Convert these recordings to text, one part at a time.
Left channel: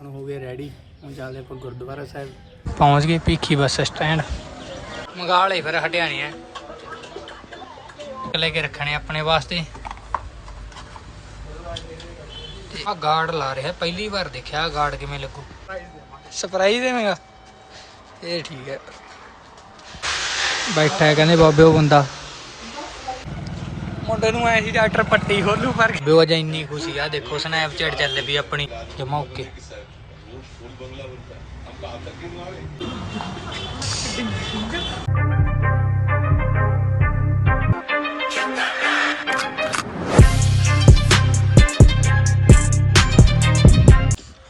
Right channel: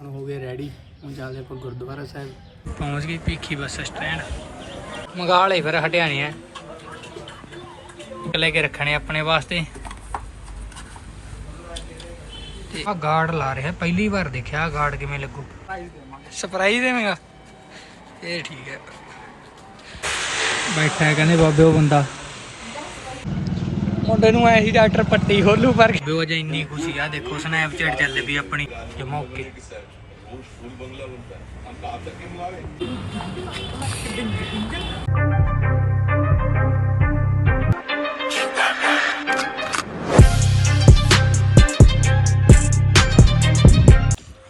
ਹੁਣ ਹੋ ਗਏ ਰੈਡੀ ਹੁਣ ਚੱਲਦੇ ਆਪਾਂ ਗੁਰਦੁਆਰਾ ਸਾਹਿਬ। ਪਹੁੰਚ ਗਏ ਭੀਖੀ ਬੱਸ ਸਟੈਂਡ ਮੰਗਾ ਲਏ ਫਿਰ ਹਟਿਆਣੇ ਆ। ਲੈ ਕੇ ਰੱਖਣੇ ਆਪਣੇ ਵਾਸਤੇ। ਤੇ ਆ ਗਾਰਡ ਲਾ ਰਿਹਾ, ਪਹਿਲੀ ਵਾਰ ਦੇਖਿਆ ਗਾਰਡ ਕਿਵੇਂ ਲੱਗੂ। ਸਰਪ੍ਰਾਈਜ਼ ਦੇਵੇਂਗਾ। ਇਹ ਠੀਕ ਹੈ। ਬੈਠਾ ਹੈ ਕਹਿੰਦੇ ਬਾਬੇ ਉਹ ਬੰਦਾ। ਮੁੰਡੇ ਨੂੰ ਐ ਸੀ ਡਾਕਟਰ ਪੱਟੀ ਖੋਲੂ ਪਰ ਬਿਓ ਅਜਾ ਇੰਨੀ ਖੁਸ਼ੀ ਆ, ਦੇਖੋ ਸਨੈਪਚੈਟ ਚੱਲੇ ਵੀ ਆਪਣੀ ਜਮਾ ਓਕੇ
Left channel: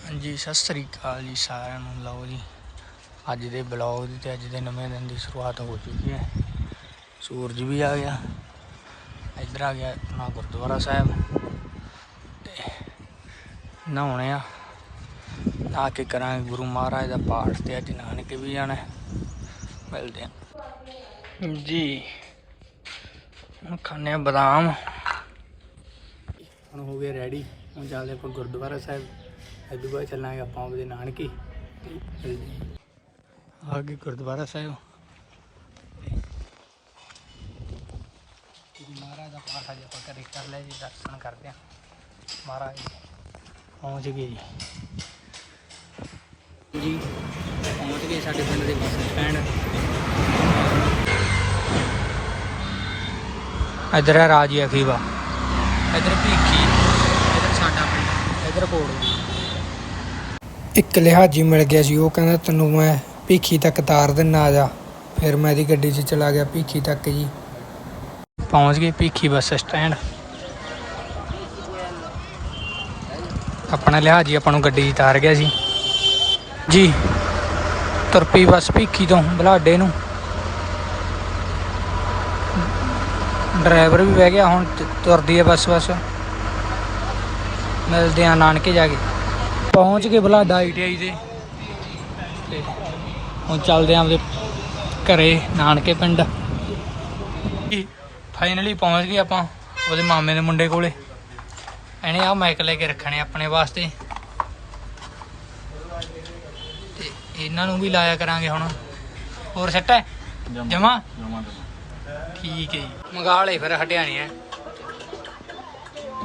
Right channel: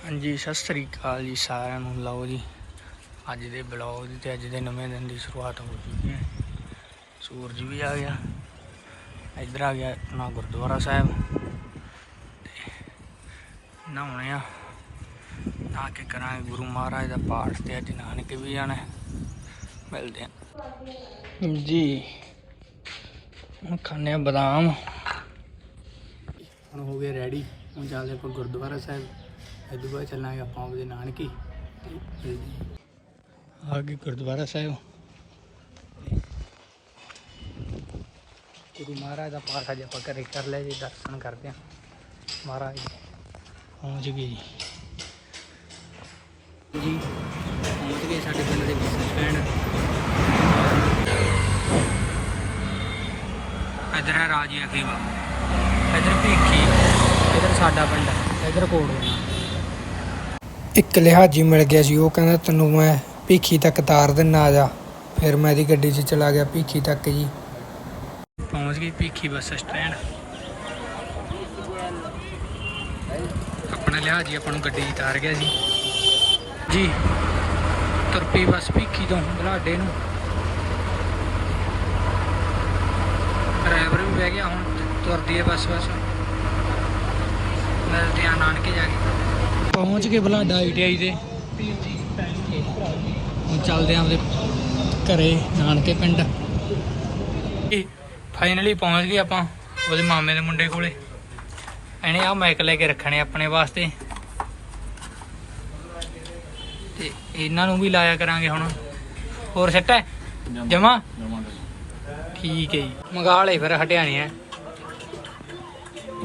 ਹਾਂਜੀ, ਸਤਿ ਸ੍ਰੀ ਅਕਾਲ ਜੀ ਸਾਰਿਆਂ ਨੂੰ, ਲਓ ਜੀ। ਅੱਜ ਦੇ ਬਲੌਗ ਦੀ ਤੇ ਅੱਜ ਦੇ ਨਵੇਂ ਦਿਨ ਦੀ ਸ਼ੁਰੂਆਤ ਹੋ ਚੁੱਕੀ ਹੈ। ਸੂਰਜ ਵੀ ਆ ਗਿਆ। ਇੱਧਰ ਆ ਗਿਆ ਆਪਣਾ ਗੁਰਦੁਆਰਾ ਸਾਹਿਬ। ਨਹਾਉਣੇ ਆ। ਆ ਕੇ ਕਰਾਂਗੇ ਗੁਰੂ ਮਹਾਰਾਜ ਦਾ ਪਾਠ ਤੇ ਅੱਜ ਨਾਨਕੇ ਵੀ ਜਾਣਾ। ਮਿਲਦੇ ਆ। ਜੀ। ਹੁਣ ਖਾਣੇ ਆ ਬਦਾਮ। ਹੁਣ ਹੋ ਗਏ ਰੈਡੀ ਹੁਣ ਚੱਲਦੇ ਆਪਾਂ ਗੁਰਦੁਆਰਾ ਸਾਹਿਬ। ਤੋਂ ਬਾਅਦ ਚੱਲਾਂਗੇ ਆਪਾਂ ਆਪਦੇ ਨਾਨਕੇ। ਮਿਲਦੇ। ਆ ਗਏ ਗੁਰਦੁਆਰਾ ਸਾਹਿਬ। ਗੁਰੂ ਮਹਾਰਾਜ ਦਾ ਪਾਠ ਅੱਜ ਆਪਾਂ ਘਰੇ ਕਰ ਲਿਆ ਜੀ ਦਰਸ਼ਨ ਕਰਦੇ ਹਾਂ। ਮਹਾਰਾਜ ਪਹੁੰਚ ਗਏ ਜੀ। ਜੀ, ਪਹੁੰਚ ਗਏ ਸਾਡੇ ਪਿੰਡ ਦੇ ਬੱਸ ਸਟੈਂਡ। ਇਧਰ ਹੈ ਰਾਜੀ ਅਖੀਵਾ ਇਧਰ ਭੀਖੀ ਇਧਰ ਸਾਡਾ ਪਿੰਡ ਇਧਰ ਕੋਈ ਇੱਕ ਲਿਹਾਜੀ ਮਿਲ ਗਿਆ ਸੀ। ਉਹ ਕਹਿੰਦਾ, ਤੈਨੂੰ ਮੈਂ ਭੀਖੀ ਤੱਕ ਤਾਰ ਦਿੰਨਾ ਆ ਜਾ। ਫਿਰ ਮੈਂ ਇਹਦੀ ਗੱਡੀ 'ਚ ਚਲਾ ਗਿਆ ਭੀਖੀ ਤੱਕ ਜੀ। ਪਹੁੰਚ ਗਏ ਭੀਖੀ ਬੱਸ ਸਟੈਂਡ ਆਪਣਾ ਲਿਹਾਜੀ ਆਪਾਂ ਨੂੰ ਗੱਡੀ ਉਤਾਰ ਗਿਆ ਸੀ। ਜੀ, ਤੁਰਪੀ ਬੱਸ ਭੀਖੀ ਤੋਂ ਬਲਾਡੇ ਨੂੰ। ਡਰਾਈਵਰ ਵੀ ਬਹਿ ਗਿਆ, ਹੁਣ ਤੁਰਦੀ ਹੈ ਬੱਸ ਬੱਸ। ਮਿਲਦੇ ਆ ਨਾਨਕੇ ਜਾ ਕੇ। ਪਹੁੰਚ ਗਏ ਬਲਾਡਾ ਆਈਟੀਆਈ ਤੇ ਤੇ ਹੁਣ ਚੱਲਦੇ ਆਂ ਆਪਦੇ ਘਰੇ, ਨਾਨਕੇ ਪਿੰਡ। ਫਾਈਨਲੀ ਪਹੁੰਚ ਗਏ ਆਪਾਂ ਉਹਦੇ ਮਾਮੇ ਦੇ ਮੁੰਡੇ ਕੋਲੇ। ਇਹਨੇ ਆ ਮਾਈਕ ਲੈ ਕੇ ਰੱਖਣੇ ਆਪਣੇ ਵਾਸਤੇ। ਤੇ ਇਹਨਾਂ ਨੂੰ ਵੀ ਲਾਇਆ ਕਰਾਂਗੇ ਹੁਣ। ਹੋਰ ਸੈੱਟ ਹੈ? ਜਮਾ। ਠੀਕ ਹੈ ਜੀ। ਮੰਗਾ ਲਏ ਫਿਰ ਹਟਿਆਣੇ ਆ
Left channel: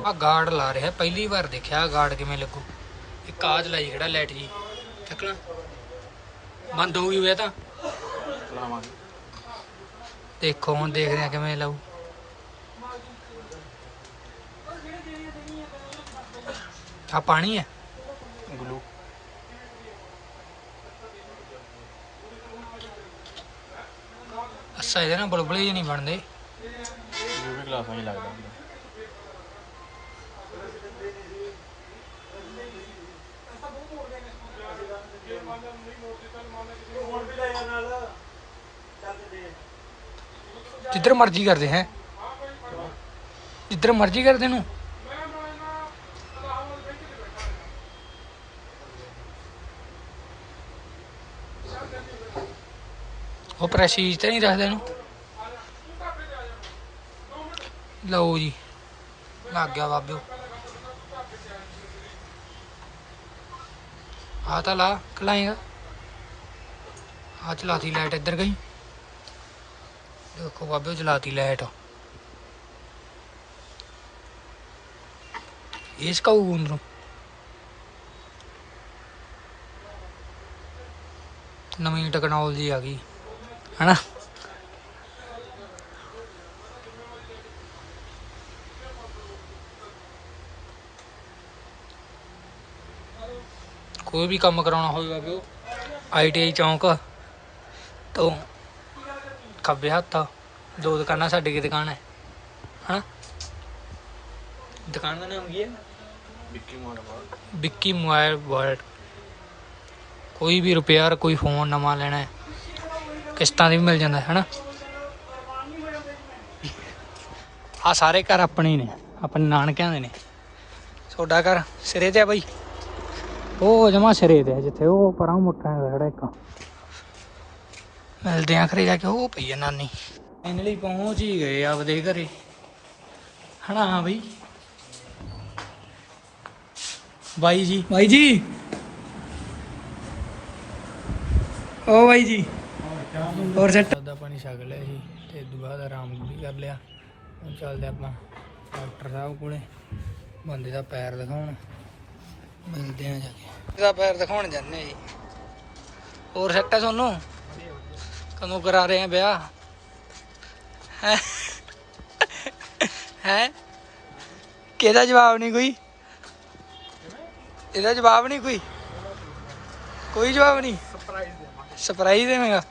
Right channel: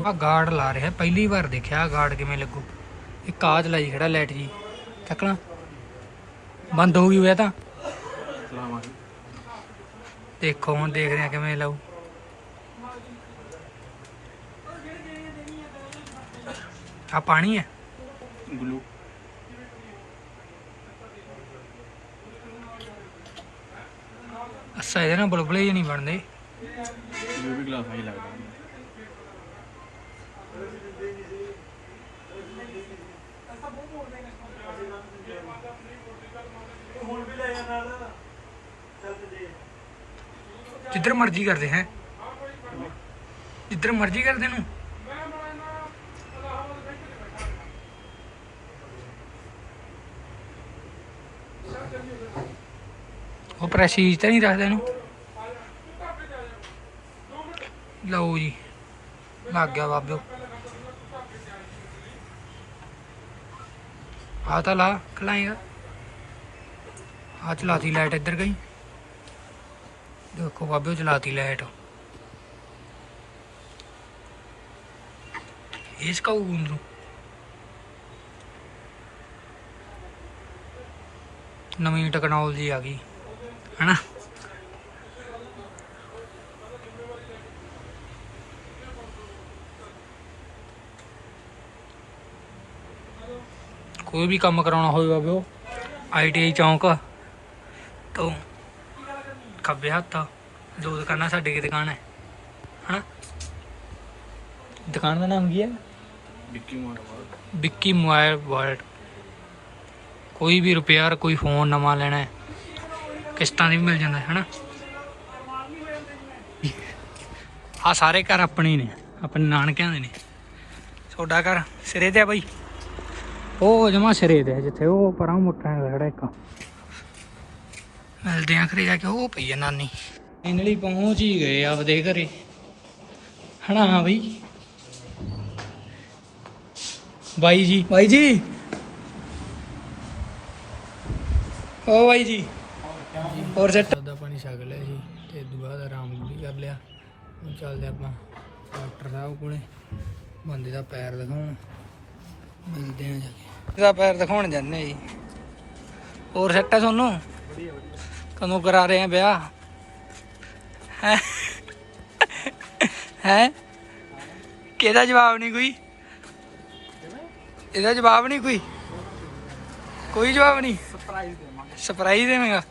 ਆ ਗਾਰਡ ਲਾ ਰਿਹਾ ਪਹਿਲੀ ਵਾਰ ਦੇਖਿਆ ਗਾਰਡ ਕਿਵੇਂ ਲੱਗੂ। ਇਹ ਕਾਜ ਲਾਈ ਖੜਾ ਲਾਈਟ ਜੀ। ਚੱਕਣਾ ਬੰਦ ਹੋ ਗਈ ਹੋਇਆ ਤਾਂ। ਦੇਖੋ ਹੁਣ ਦੇਖਦੇ ਆ ਕਿਵੇਂ ਲਾਊ। ਆ ਪਾਣੀ ਹੈ? ਗਲੂ ਅੱਛਾ ਇਹਦੇ ਨਾਲ ਬੁਲਬੁਲੇ ਨਹੀਂ ਬਣਦੇ। ਇਹ ਵੀ ਗਲਾਸਾਂ ਹੀ ਲੱਗਦਾ ਹੁੰਦਾ। ਜਿੱਧਰ ਮਰਜ਼ੀ ਕਰਦੇ ਹੈ। ਜਿੱਧਰ ਮਰਜ਼ੀ ਕਰਦੇ ਨੂੰ। ਉਹ ਪ੍ਰੈਸੀਜ ਤਾਂ ਨਹੀਂ ਰੱਖਦੇ ਇਹਨੂੰ ਲਓ ਜੀ ਲੱਗ ਗਿਆ ਬਾਬਿਓ ਆ ਤਾਂ ਲਾ ਖਲਾਏਗਾ ਆ ਚਲਾਤੀ ਲਾਈਟ ਇੱਧਰ ਗਈ ਦੇਖੋ ਬਾਬੇ ਚਲਾਤੀ ਲਾਈਟ इसका वो अंदरों ਨਵੀਂ ਟੈਕਨੋਲੋਜੀ ਆ ਗਈ ਹੈਨਾ ਕੋਈ ਵੀ ਕੰਮ ਕਰਾਉਣਾ ਹੋਵੇ ਬਾਬਿਓ ਆਈਟੀਆਈ ਚੌਂਕ ਤੋਂ ਖੱਬੇ ਹੱਥ ਦੋ ਦੁਕਾਨਾਂ ਸਾਡੀ ਕੀ ਦੁਕਾਨ ਹੈ ਹਾਂ ਦੁਕਾਨ ਦਾ ਨਾਮ ਕੀ ਹੈ? Vicky Marwah Vicky mobile world ਕੋਈ ਵੀ ਰਿਪੇਅਰ ਕੋਈ ਫੋਨ ਨਵਾਂ ਲੈਣਾ ਹੈ ਕਿਸ਼ਤਾਂ ਦੀ ਵੀ ਮਿਲ ਜਾਂਦਾ ਹੈ ਹਨਾ? ਆ ਸਾਰੇ ਘਰ ਆਪਣੇ ਨੇ ਆਪਣੇ ਨਾਨਕਿਆਂ ਦੇ ਨੇ। ਤੁਹਾਡਾ ਘਰ ਸਿਰੇ ਤੇ ਆ ਬਾਈ? ਉਹ ਜਮਾ ਸਿਰੇ ਤੇ ਜਿੱਥੇ ਉਹ ਪਰਾਂ ਮੁੱਠਾ ਹੈਗਾ ਜਿਹੜਾ ਇੱਕ। ਮਿਲਦੇ ਆ ਜਾ ਕੇ ਉਹ ਪਈ ਆ ਨਾਨੀ। ਫਾਈਨਲੀ ਪਹੁੰਚ ਹੀ ਗਏ ਆਪਦੇ ਘਰੇ। ਹਨਾ ਹਾਂ ਬਈ? ਬਾਈ ਜੀ? ਬਾਈ ਜੀ? ਓ ਬਾਈ ਜੀ। ਹੋਰ ਸੈਟ ਦਾ ਪਾਣੀ ਛਕ ਲਿਆ ਸੀ ਤੇ ਇਸ ਤੋਂ ਬਾਅਦ ਆਰਾਮ ਵੀ ਕਰ ਲਿਆ। ਹੁਣ ਚੱਲਦੇ ਆਪਾਂ ਡਾਕਟਰ ਸਾਹਿਬ ਕੋਲੇ। ਬੰਦੇ ਦਾ ਪੈਰ ਦਿਖਾਉਣ। ਮਿਲਦੇ ਆ ਜਾ ਕੇ। ਇਹਦਾ ਪੈਰ ਦਿਖਾਉਣ ਜਾਂਦੇ ਆ ਜੀ। ਹੋਰ ਸੈਟ ਹੈ ਤੁਹਾਨੂੰ ਕਦੋਂ ਕਰਾ ਰਹੇ ਆ ਵਿਆਹ? ਹੈ? ਹੈ? ਕਿਹਦਾ ਜਵਾਬ ਨਹੀਂ ਕੋਈ? ਇਹਦਾ ਜਵਾਬ ਨਹੀਂ ਕੋਈ? ਕੋਈ ਜਵਾਬ ਨਹੀਂ? ਸਰਪ੍ਰਾਈਜ਼ ਦੇਵਾਂਗੇ। ਸਰਪ੍ਰਾਈਜ਼ ਦੇਵੇਂਗਾ।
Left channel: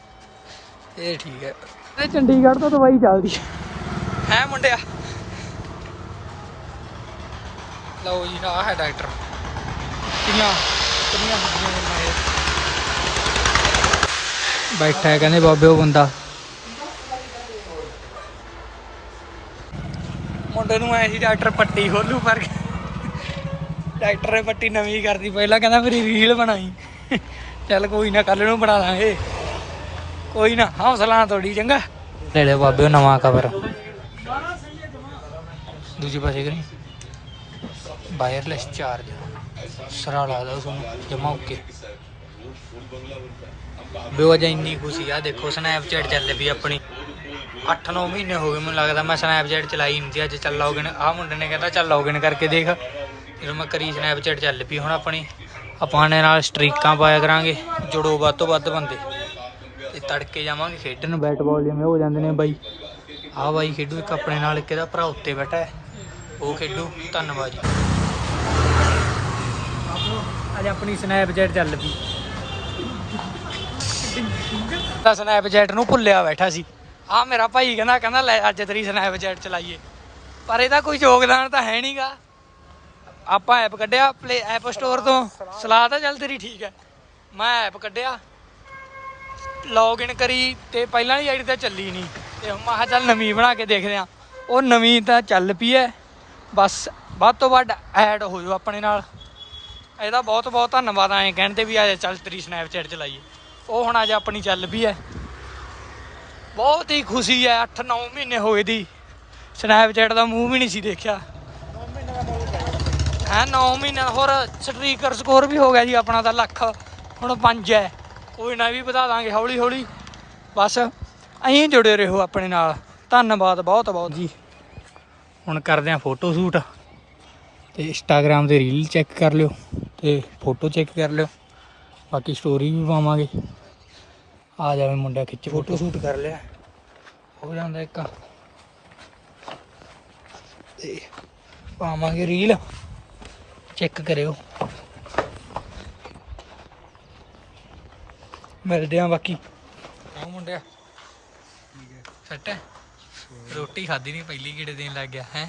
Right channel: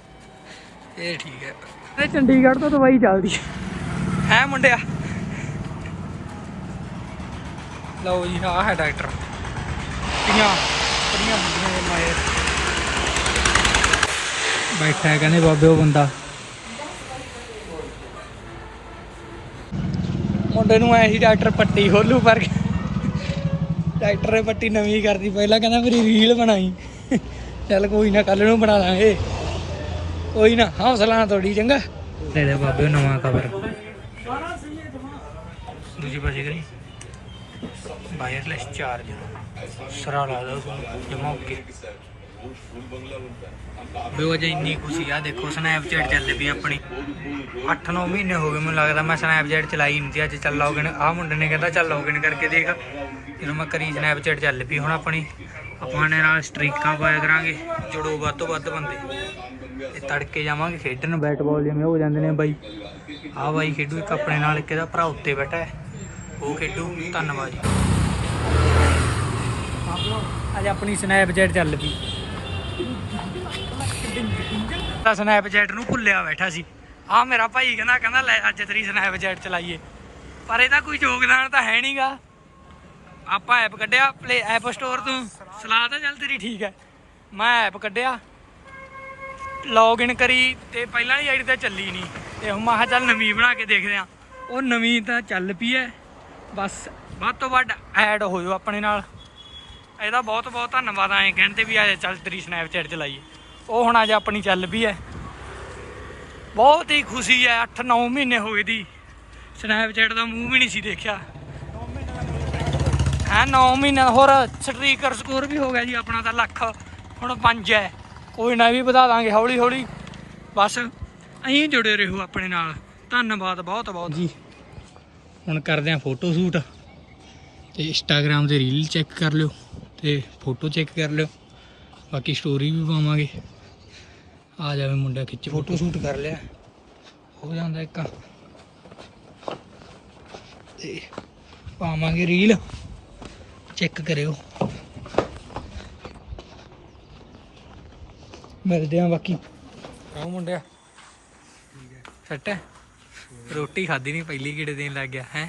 ਇਹ ਠੀਕ ਹੈ। ਤੇ ਚੰਡੀਗੜ੍ਹ ਤੋਂ ਦਵਾਈ ਚੱਲਦੀ ਹੈ। ਹੈ ਮੁੰਡਿਆ। ਲਓ ਜੀ ਆਹ ਹੈ ਡਾਕਟਰ। ਕਿੰਨਾ ਕੁੜੀਆਂ ਹੁੰਦੀਆਂ ਨੇ ਮਾਏ। ਬੈਠਾ ਹੈ ਕਹਿੰਦੇ ਬਾਬੇ ਉਹ ਬੰਦਾ। ਮੁੰਡੇ ਨੂੰ ਐ ਸੀ ਡਾਕਟਰ ਪੱਟੀ ਖੋਲੂ ਪਰ ਡਾਕਟਰ ਨੇ ਪੱਟੀ ਨਵੀਂ ਕਰਦੀ ਪਹਿਲਾਂ ਕਹਿੰਦਾ ਮੇਰੀ ਰੀਲ ਬਣਾਈ। ਚੱਲ ਕੋਈ ਨਾ ਕੱਲ ਨੂੰ ਬਣਾ ਲਾਂਗੇ ਕੋਈ ਨਾ, ਹੌਸਲਾ ਤੋੜੀ, ਚੰਗਾ। ਲੈ ਬਾਬੇ ਨਵਾਂ ਕਵਰ ਦੂਜੇ ਪਾਸੇ ਕਰੀ? ਵਾਇਰਲੈਸ ਚਾਰਜ ਸਰਾ ਲੱਗਦਾ ਉਸ ਨੂੰ ਜਮਾ ਓਕੇ। ਬਿਓ ਇੰਨੀ ਖੁਸ਼ੀ ਆ, ਦੇਖੋ ਸਨੈਪਚੈਟ ਚੱਲ ਪਈ ਆਪਣੀ। 8-9 ਮਹੀਨੇ ਹੋ ਗਏ ਮੈਨੂੰ ਲੱਗਦਾ, ਮੈਂ ਸਨੈਪਚੈਟ ਚਲਾਈ ਨਹੀਂ ਸੀ, ਅੱਜ ਚੱਲ ਲੌਗਇਨ ਆਹ ਮੁੰਡੇ ਨੇ ਕਹਿੰਦਾ, ਚੱਲ ਲੌਗਇਨ ਕਰਕੇ ਦੇਖ। ਜਦੋਂ ਮੈਂ ਕਰੀ ਸਨੈਪਚੈਟ ਚੱਲ ਪਈ, ਹੁਣ ਆਪਣੀ, ਆਪਾਂ ਨੇ ਨਾਲ ਸਟ੍ਰੀਕਾਂ ਪਾਇਆ ਕਰਾਂਗੇ, ਜੁੜੋ ਵੱਧ ਤੋਂ ਵੱਧ ਬੰਦੇ। ਤੜਕੇ ਜਾਵਾਂਗੇ ਖੇਡਣ ਬੈਟ ਬਾਲ ਜਿਵੇਂ ਹੋ ਜਾਂਦੇ ਨੇ ਬਾਈ। ਆਹ ਬਾਈ ਖੇਡੂ ਇੱਕ ਆਪਣੇ ਨਾਲ ਇੱਕ ਇਹਦਾ ਭਰਾ ਉੱਤੇ ਬੈਠਾ ਹੈ। ਉਹ ਖੇਡੂ ਧੰਨਵਾਦ ਜੀ। ਅੱਜ ਆਪਣੀ ਸਨੈਪਚੈਟ ਚੱਲ ਪਈ। ਤਾਂ ਸਨੈਪਚੈਟ ਨੂੰ ਭੁੱਲਿਆ ਬੈਠਾ ਸੀ। ਆ ਮੇਰਾ ਭਾਈ ਕਹਿੰਦਾ ਕਹਿੰਦਾ ਲੈ ਅੱਜ ਤੇਰੀ ਸਨੈਪਚੈਟ ਚਲਾਈਏ। ਪਰ ਇਹਦਾ ਕੋਈ ਯੋਗਦਾਨ ਤਾਂ ਹੈ ਨਹੀਂਗਾ ਆਪਾਂ ਐਪ ਕੱਢਿਆ ਪਲੇ ਐਪ ਸਟੋਰ ਤੋਂ। ਸਲਾਹ ਤਾਂ ਚੱਲ ਤੇਰੀ ਠੀਕ ਹੈ। ਮੈਂ ਐਪ ਕੱਢਿਆ। ਲੌਗਇਨ ਕਰੀ ਤੇ ਪਹਿਲਾਂ ਵਾਲੀ ਆਈਡੀ ਤਾਂ ਚੱਲੀ ਨਹੀਂ ਤੇ ਹੁਣ ਮੈਂ ਕਿਹਾ ਚੱਲ ਨਵੀਂ ਬਣਾ ਕੇ ਦੇਖਦੇ ਆ। ਉਹ ਨਵੀਂ ਤਾਂ ਚੱਲ ਪਈ ਐ। ਬਸ ਵੱਧ ਤੋਂ ਵੱਧ ਐਡ ਹੋ ਜਾਓ ਆਪਣੇ ਨਾਲ। ਇਹਦਾ ਬਹੁਤ ਬਹੁਤ ਧੰਨਵਾਦ ਐਂ ਕਹਿਣ ਤੇ ਵੀ ਆ ਚੱਲ ਤੇਰੀ ਸਨੈਪਚੈਟ ਚਲਾਈਏ। ਉਹ ਹੁਣ ਅੱਜ ਆਪਣੀ ਚੱਲ ਪਈ ਐ। ਬਹੁਤ ਹੀ ਖੁਸ਼ੀ ਐ 8-9 ਮਹੀਨੇ ਹੋਏ ਦੀ। ਸਨੈਪਚੈਟ ਦਾ ਮੂੰਹ ਵੀ ਨਹੀਂ ਸੀ ਦੇਖਿਆ। 9 ਮਹੀਨੇ ਦਾ ਪੈ ਹੈ 9 ਮਹੀਨੇ ਹੋਰ ਸਟ੍ਰੀਕਰ ਸਕੋਰ ਵੀ ਹੋ ਗਿਆ ਜੀ ਆਪਣਾ ਤਾਂ ਲੱਖ। ਹੁਣ 5 ਹੈ ਕੋਈ ਨਾ ਵੀ ਵਧਾ ਦਾਂਗੇ ਹੌਲੀ ਹੌਲੀ। ਬਸ ਐਂ ਜੁੜੇ ਰਹੋ ਆਪਣੇ ਨਾਲ। ਧੰਨਵਾਦ ਬਹੁਤ ਬਹੁਤ। ਜੀ। ਹੁਣ ਕਰਦੇ ਆਂ ਫੋਟੋ ਸ਼ੂਟ। ਤੇ ਇੰਸਟਾਗ੍ਰam ਤੇ ਰੀਲ ਚੈੱਕ ਕਰ ਲਿਓ ਤੇ ਫੋਟੋ ਚੈੱਕ ਕਰ ਲਿਓ। ਬਾਕੀ ਸਟੋਰੀ ਵੀ ਪਾਵਾਂਗੇ। ਆ ਜਾਵੇ ਮੁੰਡਾ ਖਿੱਚ ਫੋਟੋ ਸ਼ੂਟ ਕਰ ਲਿਆ। ਹੋ ਜਾਂਦਾ ਇੱਕ। ਤੇ ਪਾਵਾਂਗੇ ਰੀਲ। ਚੈੱਕ ਕਰਿਓ। ਮਿਲਦੇ ਆ ਬਾਕੀ। ਆਹ ਮੁੰਡਿਆ। ਠੀਕ ਹੈ। ਸੱਟ ਹੈ? ਰੋਟੀ ਖਾਦੀ ਨਹੀਂ ਪਹਿਲੀ ਕੀੜੇ ਦੇਣ ਲੱਗ ਗਿਆ ਹੈ?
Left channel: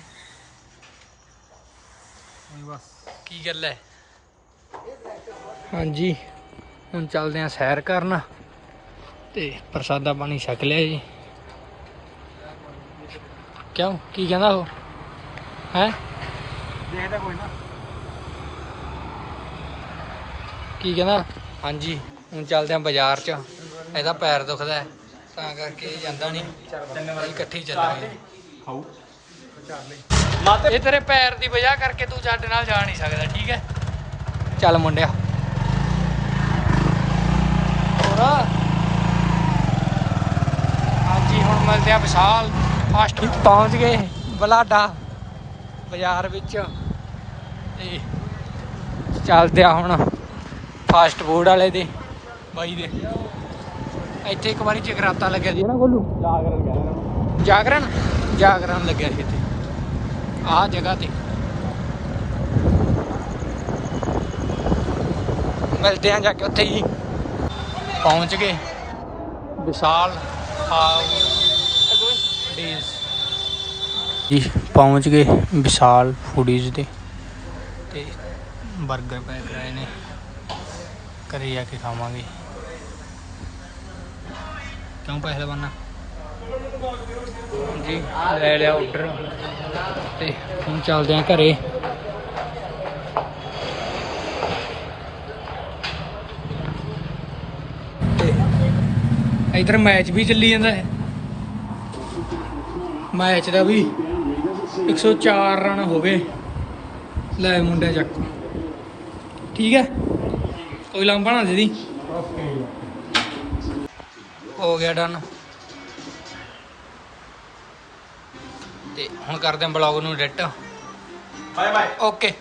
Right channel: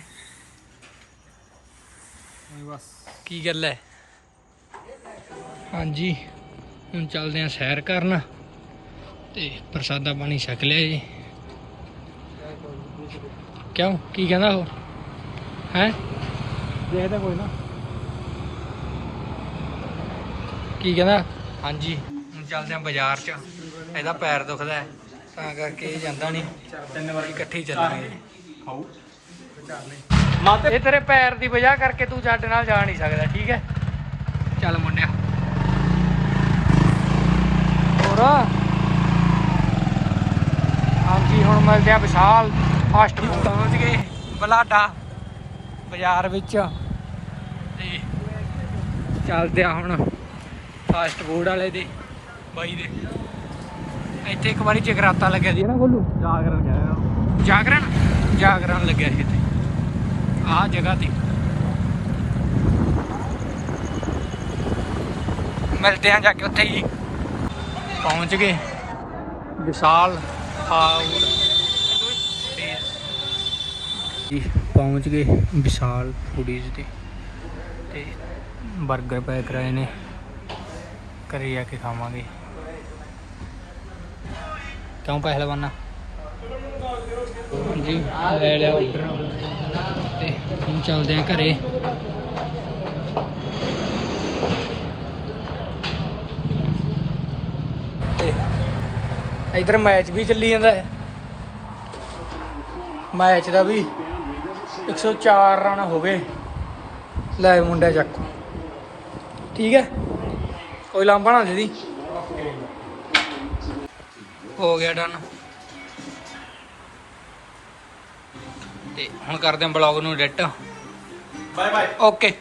ਨਹੀਂ ਬਸ। ਕੀ ਗੱਲ ਹੈ? ਹਾਂਜੀ ਹੁਣ ਚੱਲਦੇ ਆ ਸੈਰ ਕਰਨ ਤੇ ਪ੍ਰਸਾਦਾ ਪਾਣੀ ਛਕ ਲਿਆ ਜੀ। ਕਿਉਂ? ਕੀ ਕਹਿੰਦਾ ਉਹ? ਹੈ? ਦੇਖਦੇ ਕੋਈ ਨਾ। ਕੀ ਕਹਿੰਦਾ? ਹਾਂਜੀ। ਹੁਣ ਚੱਲਦੇ ਆ ਬਾਜ਼ਾਰ 'ਚ। ਇਹਦਾ ਪੈਰ ਦੁਖਦਾ ਹੈ ਤਾਂ ਕਰਕੇ ਇਹ ਜਾਂਦਾ ਨਹੀਂ। ਤਿੰਨ ਵਾਰੀ ਇਕੱਠੇ ਹੀ ਚੱਲਾਂਗੇ। ਖਾਊ। ਇਹ ਤੇਰੇ ਪੈਰ ਦੀ ਵਜ੍ਹਾ ਕਰਕੇ ਤੂੰ ਸਾਡੇ ਨਾਲ ਜਾ ਨਹੀਂ ਸਕਦਾ ਠੀਕ ਹੈ? ਚੱਲ ਮੁੰਡਿਆ। ਹੋਰਾ? ਹਾਂਜੀ ਹੁਣ ਮਿਲਦੇ ਆ ਵਿਸ਼ਾਲ ਫਾਸਟ ਫੂਡ। ਪਹੁੰਚ ਗਏ ਬਲਾਡਾ ਬਾਜ਼ਾਰ ਵਿੱਚ। ਤੇ ਚੱਲਦੇ ਆ ਹੁਣ ਫਾਸਟ ਫੂਡ ਵਾਲੇ ਦੇ। ਬਾਈ ਦੇ। ਇੱਥੇ ਇੱਕ ਵਾਰੀ ਜਗਰਾਤਾ ਲੱਗਿਆ ਸੀ। ਨਾ ਗੋਲੂ ਜਾਗਰਨ ਕਹਿ ਰਹੇ। ਜਾਗਰਣ? ਜਾਗਰਣ ਲੱਗਿਆ ਸੀ ਇੱਥੇ। ਆਹ ਜਗ੍ਹਾ ਤੇ। ਮਿਲਦੇ ਆਂ ਜਾ ਕੇ ਉੱਥੇ ਹੀ। ਪਹੁੰਚ ਗਏ। ਵਿਸ਼ਾਲ ਫਾਊਡ ਜੀ ਪਹੁੰਚ ਗਏ ਵਿਸ਼ਾਲ ਫੂਡੀਜ਼ ਤੇ ਤੇ 버ਗਰ ਪੈਕ ਕਰਾਏ ਨੇ। ਘਰੇ ਜਾ ਕੇ ਖਾਵਾਂਗੇ। ਕਿਉਂ ਪਹਿਲਵਾਨਾ? ਜੀ, ਲੈ ਲਿਆ ਆਰਡਰ ਤੇ ਹੁਣ ਚੱਲਦੇ ਆ ਘਰੇ। ਤੇ ਇਧਰ ਮੈਚ ਵੀ ਚੱਲੀ ਜਾਂਦਾ ਹੈ। ਮੈਚ ਦਾ ਵੀ 104 ਰਨ ਹੋ ਗਏ ਲੈ ਮੁੰਡਿਆ ਚੱਕ। ਠੀਕ ਹੈ? ਕੋਈ ਲਾਂਭਾ ਨਾ ਦੇ ਦੀ। ਹੋ ਗਿਆ ਡਨ ਤੇ ਹੁਣ ਕਰਦੇ ਹਾਂ ਬਲੌਗ ਨੂੰ ਐਡਿਟ ਬਾਏ ਬਾਏ ਓਕੇ